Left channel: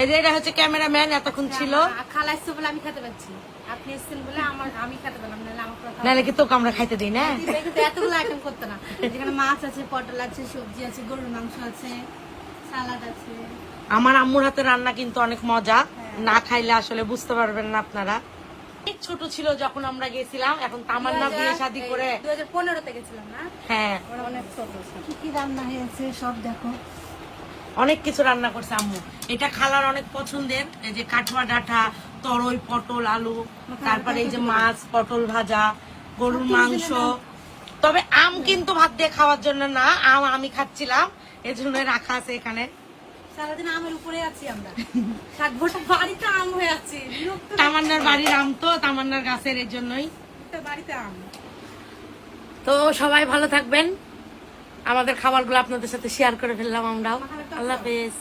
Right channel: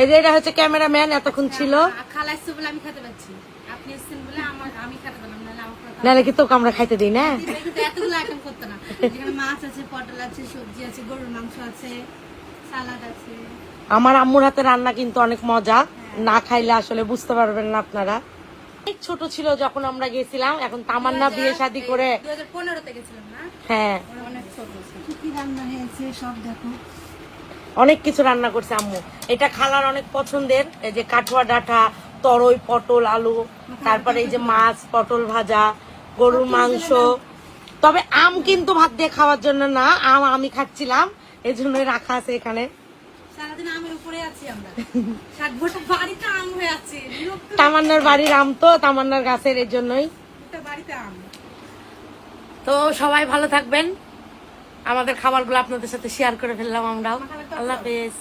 এই যে এটা হচ্ছে ক্যামেরাম্যান, এতক্ষণ ছিল। খালা এসছে বলে আমি খেতে পাচ্ছি, আপনি এসছেন বলে আমি খেতে পেলাম, নাহলে আমার নাহলে কি তোকে আমরা খাইতে দিই না? কিন্তু এতগুলো আইটেম করতে না। যেখানে মাছ আছে, পটল আছে, সবজি আছে, গরুর মাংস আছে, সালাদ আছে। আমার আম্মুর হাতে রান্না কিন্তু অনেক মজা, না খাইলে আসলে বুঝতে পারবেন না আপনারা। অনেক ছোট ছিল যখন আমরা গেছিলাম, এখন তামান্না বিয়ে শাদী করে 2015-তে গেছিলাম না? হ্যাঁ অনেক ছোট ছিল। কি রান্না হয়েছে সব দেখো। অনেক কিছু রান্না করছে আম্মু। এটা খালার অনেক পছন্দের, এই যে কাঠুয়া ডাঁটা, তরই, পটল, আলু, তারপরে এই যে মাছ, পটল ভাজা, গরুর মাংস। তবে আম কিন্তু ভাত দিয়ে খাওয়ার জন্য না, আম আমি খাচ্ছিলাম, এই জন্য রাখা আছে এখানে। সারাদিন আমের উপরে আছি আমরা, 60 বছর বাড়িতে আম হয়ে আছি। তামান্নার বাড়ির আম তো, তামান্নার গাছের, এই জন্যই। বাড়িতে আম। তো সবাই ভালো থাকবেন, আমাদের খাবারগুলো আপনাদের সাথে শেয়ার করে ফেললাম আমরাও। আল্লাহ হাফেজ।